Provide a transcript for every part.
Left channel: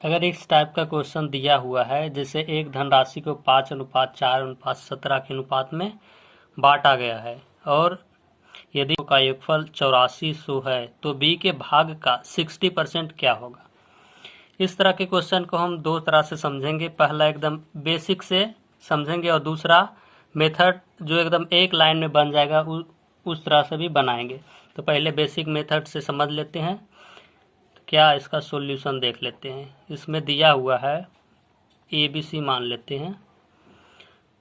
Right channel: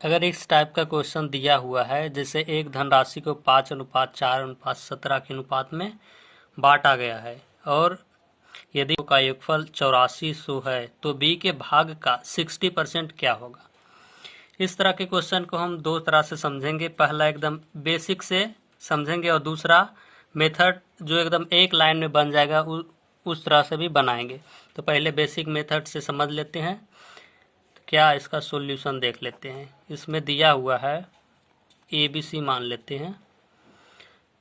अगर इस टाइप का क्वेश्चन दिया हुआ है, जैसे एक धनराशि को 5:4:17 के अनुपात में बांटा गया है और यदि का योगफल 8400 है तो बी के भाग का 60% क्या होगा। इस तरह के क्वेश्चन को हम दो तरह से समझेंगे। पहला एकदम बेसिक से समझेंगे और दूसरा मेथड जो एकदम एक लाइन में बन जाएगा उस तरह से भी बनाएंगे। तो पहले बेसिक मेथड से समझ लेते हैं, क्या इसका सॉल्यूशन देख लेते हैं। इसमें दिया हुआ है ABC मान लेते हैं,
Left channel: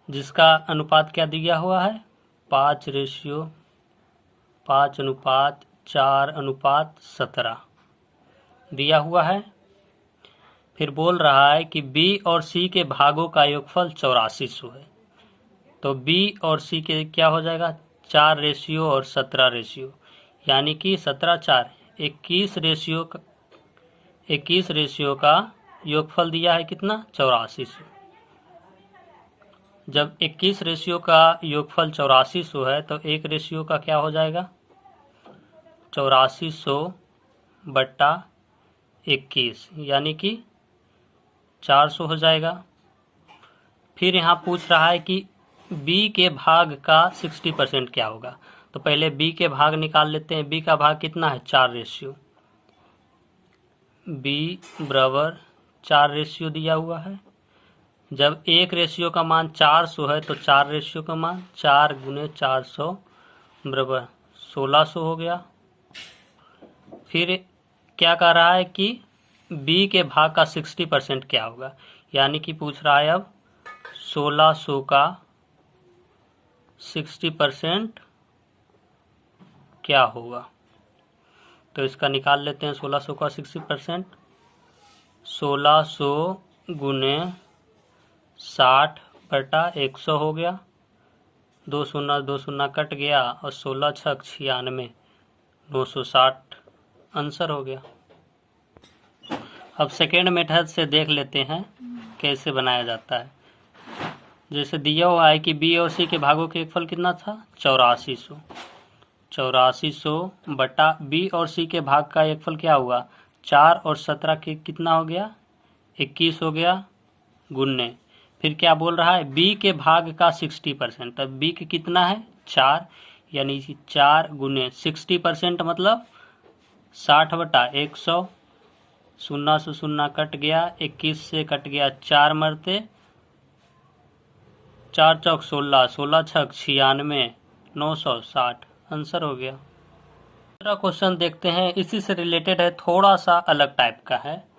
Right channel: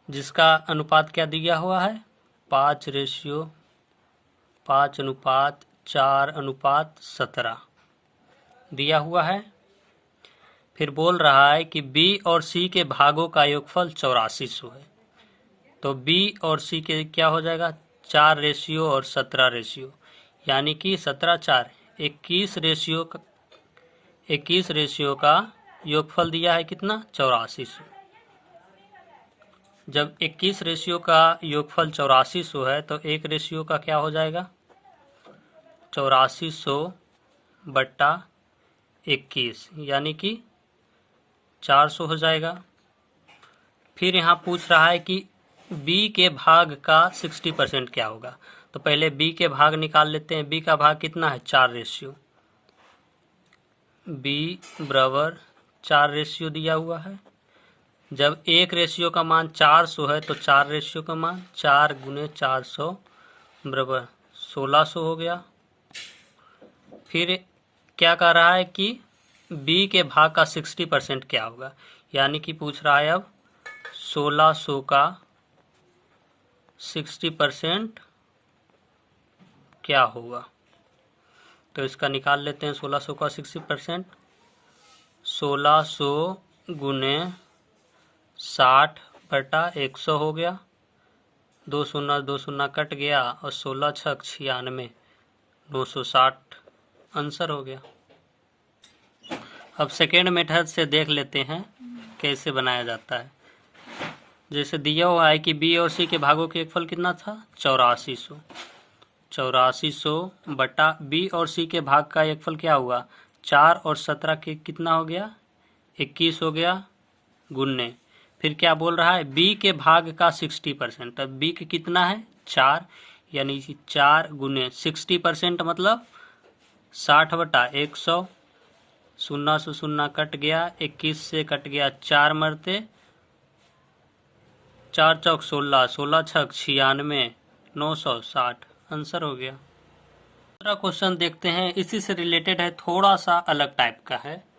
जिसका अनुपात क्या दिया हुआ है 5:4:17 दिया हुआ है। फिर बोल रहा है कि B और C के भागों का योगफल 8400 है। तो B और C के क्या हो जाएगा 4:17, यानी कि 17:4 21 रेशियो का योगफल दिया है कितना 8400। जब 21 रेशियो का योगफल 8400 है तो एक रेशियो का क्या हो जाएगा 8400/21, यानी कि 400 हो जाएगा। फिर यहाँ पूछ रहा है कि B के भाग का 60% क्या होगा। तो पहले B के भाग निकाल लेते हैं। B का भाग कितना है 4 B बराबर 4 दिया हुआ है। जब एक रेशियो का मान 400 है तो 4 रेशियो का मान 4 × 400 बराबर 1600 हो गया। फिर क्या कह रहा है कि B के भाग का 60% क्या होगा, यानी कि पूछ रहा है अब 1600 का 60% क्या होगा। तो इसका निकाल लेते हैं 1600 का 60%। 1600 × 60/100 हो गया। 2 शून्य 2 शून्य कट गया और 16×6 = 96, 960 आंसर हो गया। अब सेकेंड मेथड से देख लेते हैं कैसे बनाया जाता है। जैसे दिया हुआ है कि B और C के भागों के योगफल कितना था 8400। 8400 B और C के भाग का योगफल क्या हुआ 4 और 17 के कितना हो गया 21 हो गया गुन्ने। फिर क्या बोल रहा है B के भाग का 60%। अब B के कितना है 4, यानी 4 × 60% मतलब 60/100। 0 से 0 कट गया, 21 से कट गया 4 मरते, 4 चौक 16, 16×6 = 96, 960 आंसर हो गया। दूसरा क्वेश्चन देखते हैं, इसी से रिलेटेड है, थोड़ा सा अलग टाइप का है।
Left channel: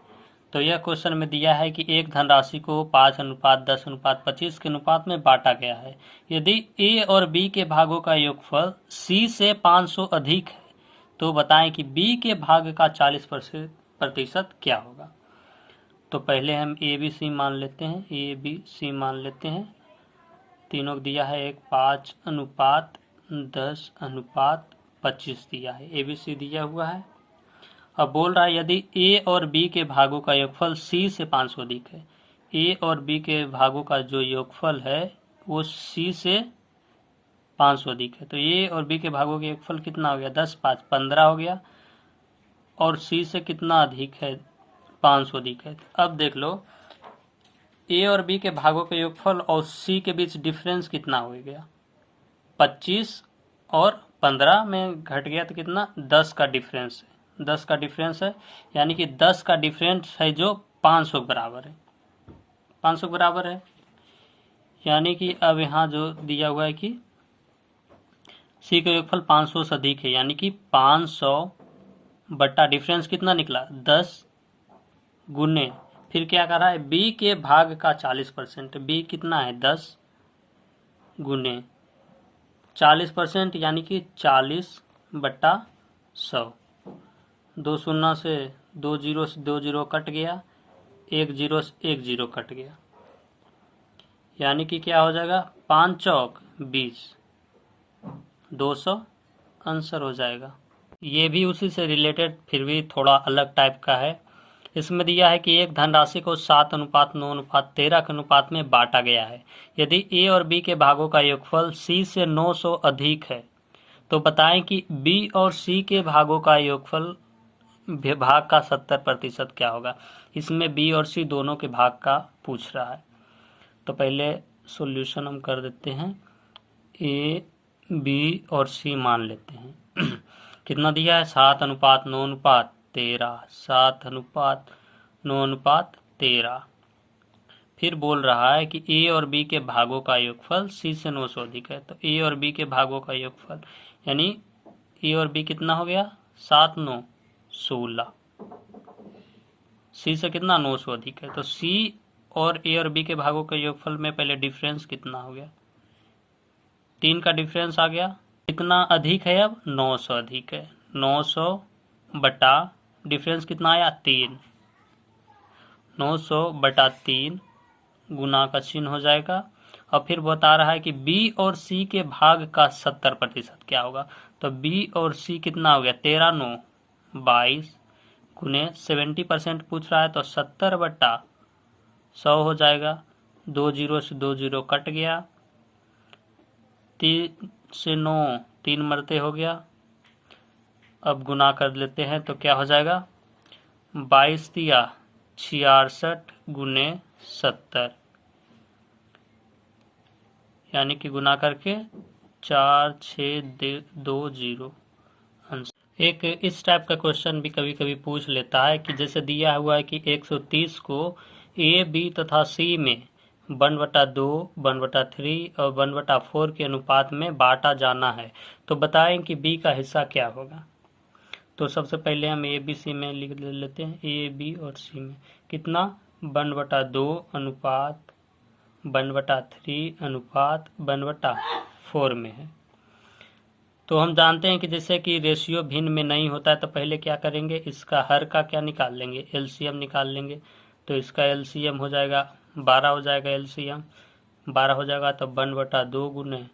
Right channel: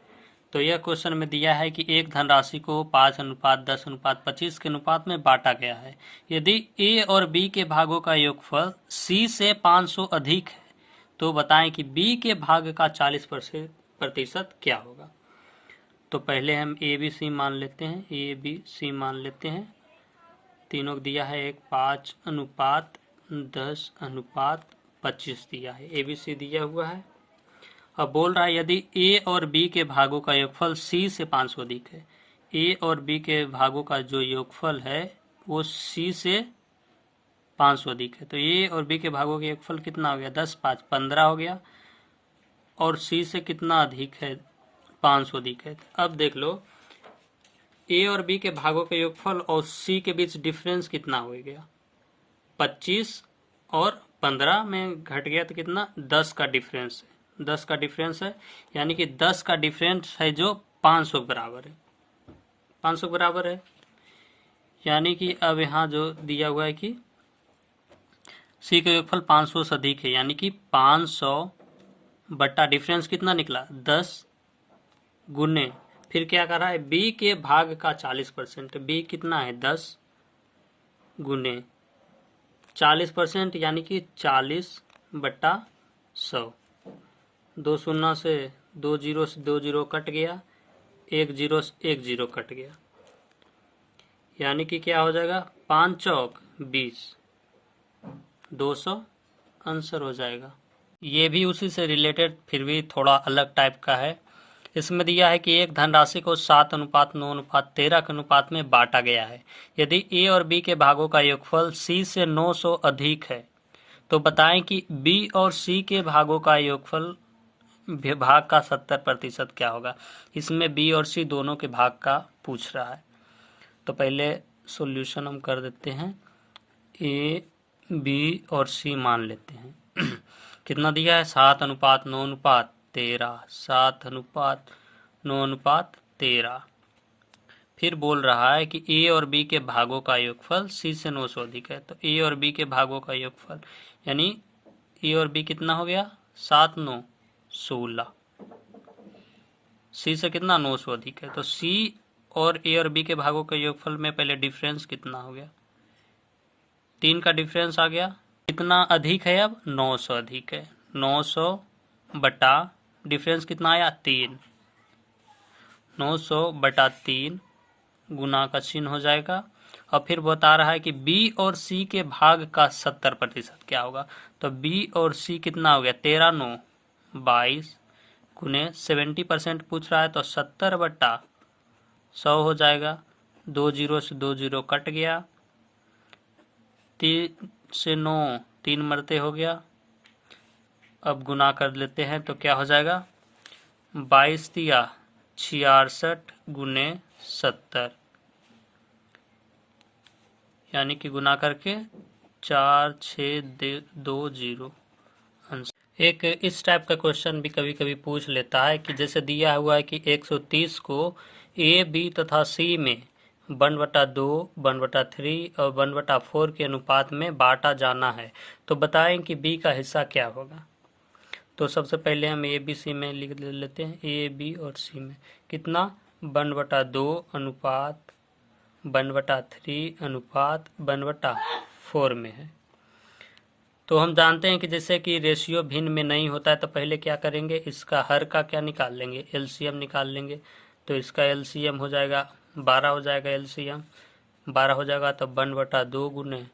तो यह क्वेश्चन में दिया है कि एक धनराशि को 5:10:25 के अनुपात में बांटा गया है। यदि A और B के भागों का योगफल C से 500 अधिक है तो बताएं कि B के भाग का 40% क्या होगा। तो पहले हम ABC मान लेते हैं, ABC मान लेते हैं। तीनों दिया है एक 5:10:25 दिया है, ABC दिया हुआ है। अब बोल रहा है यदि A और B के भागों का योगफल C से 500 अधिक है। A और B के भागों का जो योगफल है वो C से 500 अधिक है। तो A और B के भागों का योगफल कितना हो गया 10 5 15 हो गया, और C से कितना अधिक है 500 अधिक है। तो अब देख लो A और B के भागों के योगफल और C के बीच डिफरेंस कितना हो गया 25 और 15 में घट गया तो कितना 10 का डिफरेंस है। 10 का डिफरेंस है, यानी कि 10 का डिफरेंस है जो 500 के बराबर है। 500 के बराबर है, यानी कि अब यहाँ जो दिया हुआ है कि C का योगफल 500 से अधिक है, यानी कि 500 डिफरेंस कितना निकला 10 गुने। फिर क्या कर रहा है B के भाग का 40%। B कितना है 10 गुने 40%, यानी कि 40/100। 2 शून्य से 2 जीरो से 2 जीरो कट गया, 1 जीरो से 1 जीरो कट गया, यानी कि क्या हो जाएगा 5 चौक 20, 200 आंसर हो जाएगा। ये भी उसी से रिलेटेड फिर भी थोड़ा अलग टाइप का है। इसमें दिया है कि एक धनराशि को 7:9:13 के अनुपात में बांटा गया है। यदि A और B के भागों का योगफल C से 900 अधिक है तो बताएं कि B और C के भागों का योगफल भाग का 70% क्या होगा। इसमें बी और सी दोनों के भाग का पूछ रहा है। तो पहले सॉल्यूशन हम कर देते हैं। ए, बी और सी मान लेते हैं। कितना दिया है, 7:9:13, 7:9:13। फिर बोल रहा है कि ए और बी के भागों का योगफल सी से 9 से अधिक है। तो ए और बी के भागों का योगफल यानी ए और बी कितना हो गया, 7 9 16। सी से कितना, 9 से अधिक है। तो सी और ए और बी के भागों के योगफल में पहले डिफरेंस कितना हो गया, 3 का डिफरेंस आ गया। कितना अधिक है, अब 900 अधिक है। 900 बटा डिफरेंस कितना आया, 3। 900 बटा 3 गुना का चिन्ह हो जाएगा। और फिर बता रहा है कि बी और सी के भाग का 70% क्या होगा। तो बी और सी कितना हो गया, 13 9 22 गुने 70% पूछ रहा है। तो 70 बटा 100 हो जाएगा। 2 0 से 2 0 कट गया। 3 से 9 3 मरते हो गया। अब गुना कर लेते हैं तो क्या हो जाएगा, 22 दिया 66 गुने 70, यानी कि गुना करके 4 6 2 0 आंसर। एक इस टाइप का क्वेश्चन भी कभी कभी पूछ लेता है कि जैसे दिया हुआ है कि 130 को ए बी तथा सी में 1/2, 1/3 और 1/4 के अनुपात में बांटा जाना है, तो बताएं कि बी का हिस्सा क्या होगा। तो सबसे पहले हम ए बी सी में लिख लेते हैं। ए बी और सी में कितना, 1/2 अनुपात 1/3 अनुपात 1/4 में है। तो हम जानते हैं कि जैसे कि रेशियो भिन्न में नहीं होता है तो पहले क्या करेंगे, इसका हर का क्या निकाल लेंगे, एलसीएम निकाल लेंगे। तो इसका एलसीएम हो जाएगा 12 हो जाएगा। एलसीएम 12 हो जाएगा तो 1/2 गुने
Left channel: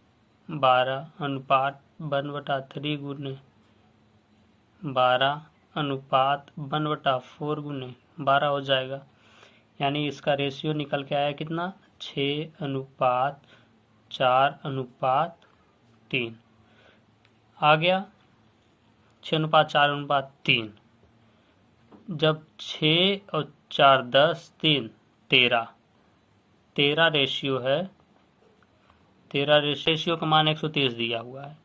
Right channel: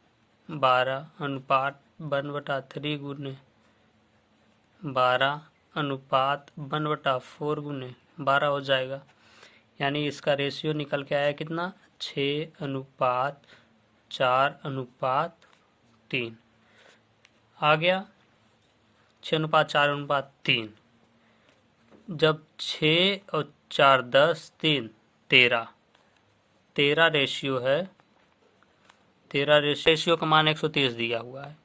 12 अनुपात 1/3 गुने 12 अनुपात 1/4 गुने 12 हो जाएगा। यानी इसका रेशियो निकल के आया कितना, 6:4:3 आ गया। 6:4:3। जब 6 और 4 10 3 13 13 रेशियो है। 13 रेशियो का मान 130 दिया हुआ है।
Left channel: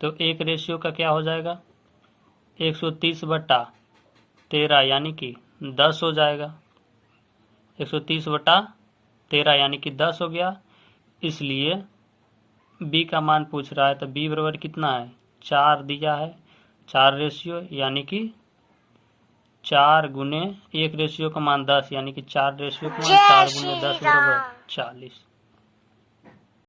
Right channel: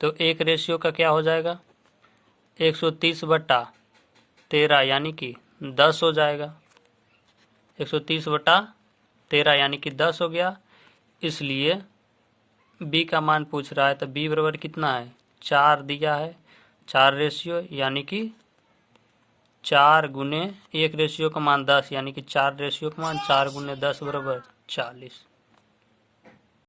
तो एक रेशियो का क्या हो जाएगा, 130/13 यानी कि 10 हो जाएगा। 130/13 यानी कि 10 हो गया। इसलिए बी का मान पूछ रहा है तो बी बराबर कितना है, 4 दिया है। 4 रेशियो यानी कि 4 गुने एक रेशियो का मान 10 यानी कि 4 रेशियो का मान 4 गुने 10 बराबर 40।